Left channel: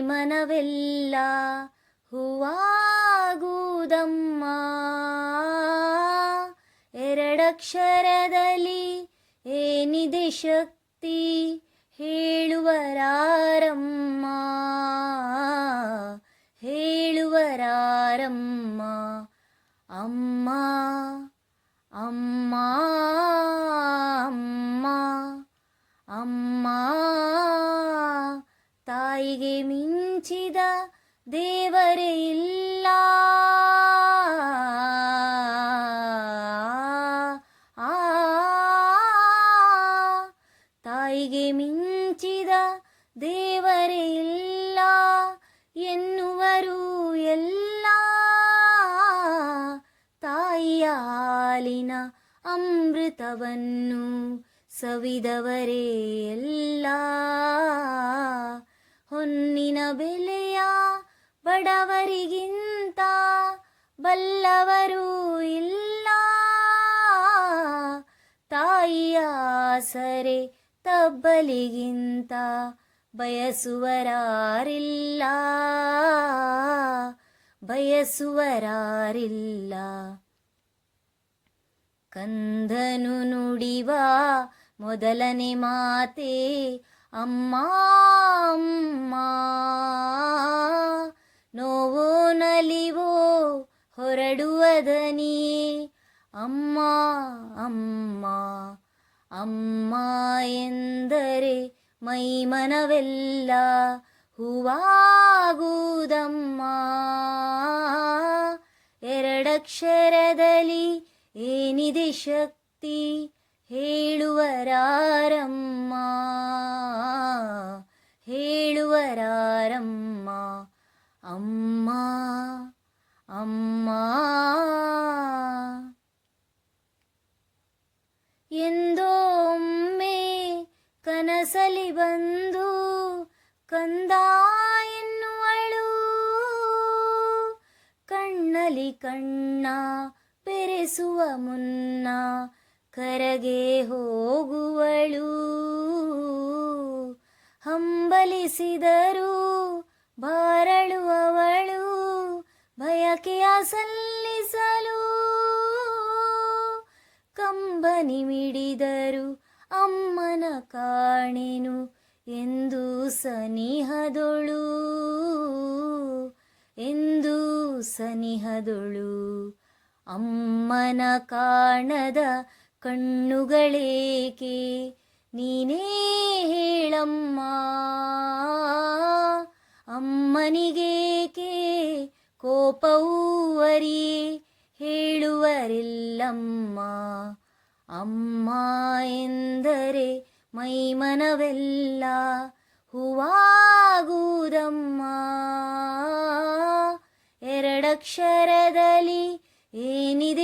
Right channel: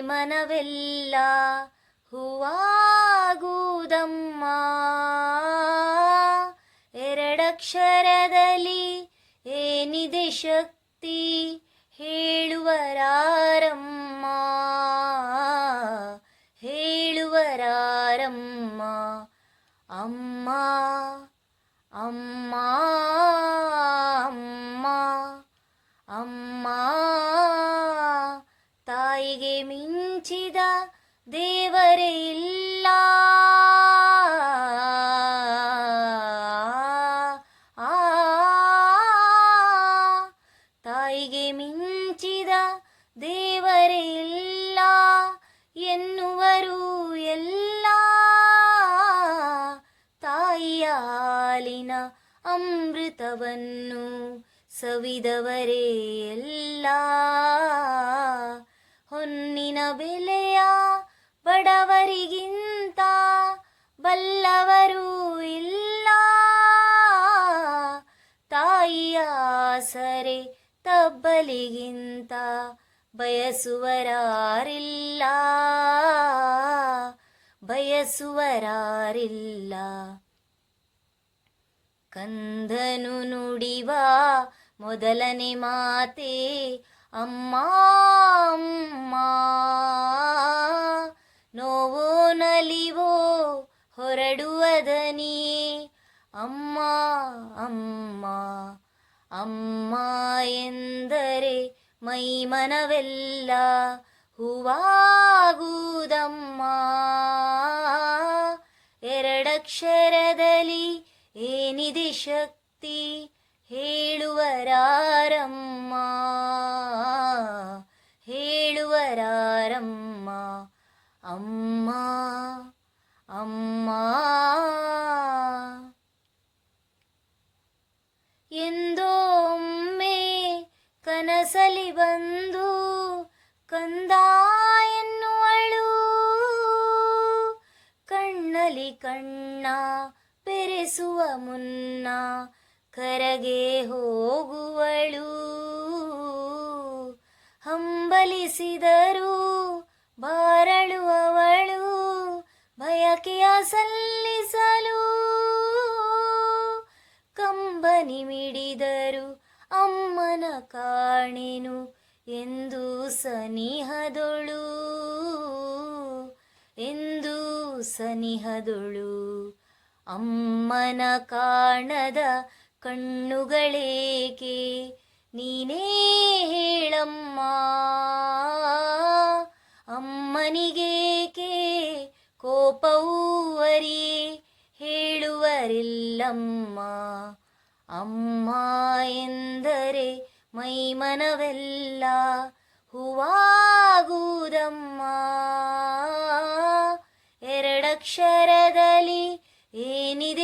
ಮನವೆಲ್ಲ ಹೂವಾಗುವುದಮ್ಮ. ಎರಡಕ್ಷರದಲ್ಲಿ ಏನಿದೆ ಶಕ್ತಿ ಹೇಳುವರಾರಮ್ಮ. ಹೇಳುವರಾರಮ್ಮ. ಅಮ್ಮ ಅಮ್ಮ. ತಾಯಿಗೆ ಮಿಂಚಿದ ದೇವರೇ ಇಲ್ಲ ಆ, ತಾಯಿಗೆ ಮಿಂಚಿದ ದೇವರೇ ಇಲ್ಲ ಎನ್ನುವರು ಎಲ್ಲ ತಾಯಿಯ ಹಾಲಿನ ಅಮೃತವನ್ನು ಸವಿದವರೇ ಎಲ್ಲ ಹೊನ್ನಿನ ಬೆಲೆಯ ಬಡವರಿಗಿಂತ ಬಲ್ಲವರೂ ಇಲ್ಲ. ತಾಯಿಯ ಸರೆ ತಬ್ಬಲಿಗಿಂತ ಬಯಸುವರಾರಿಲ್ಲ. ಬಯಸುವರಾರಿಲ್ಲ. ಕಂದನು ನುಡಿವ ಮೊದಲನೇ ಮಾತೆ ಅಮ್ಮ ಅಮ್ಮ, ನೋವೋ ನಲಿವೋ ಹೊರಡುವ ದನಿಯೇ ಅಮ್ಮ ಅಮ್ಮ ಅಮ್ಮ ಎಂದರೆ ಮೈ ಮನವೆಲ್ಲ ಹೂವಾಗುವುದಮ್ಮ. ಎರಡಕ್ಷರದಲ್ಲಿ ಏನಿದೆ ಶಕ್ತಿ? ಹೇಳುವರಾರಮ್ಮ ಹೇಳುವರಾರಮ್ಮ ಅಮ್ಮ ಅಮ್ಮ. ಎಂದೊಮ್ಮೆ ಕನಸಲಿ ಬಂದು ಕಂದ ಎನ್ನುವಳು ಕಣ್ಣಲಿ ಕಣ್ಣ ಬೆರೆಸುವ ಮುನ್ನ ಕರಗೆ ಹೋಗುವಳು. ಹಂಬಲಿಸಿದರು ಬಾರಳುವವಳು ಬಯಕೆಯ ಸಲ್ಲಿಸಲು ಕಂಬನಿ ಮಿಡಿದರು. ಅಮ್ಮನ ಕಾಣೆನು ಎಂದು ಸನಿಹದೊಳು. ಎಂದು ಸನಿಹದೊಳು. ಅಮ್ಮನ ಕಾಣದ ಕಣ್ಣುಗಳೇಕೆ? ನೀನೇ ಹೇಳಮ್ಮ. ಅಮ್ಮನಿಗೇಕೆ ಕೋಪವೂವರಿ ಹೇಳುವರಿಲ್ಲಮ್ಮ. ಅಮ್ಮ ಎಂದರೆ ಮೈಮನವೆಲ್ಲ ಹೂವಾಗುವುದಮ್ಮ. ಎರಡಕ್ಷರದಲ್ಲಿ ಏನಿದೆ?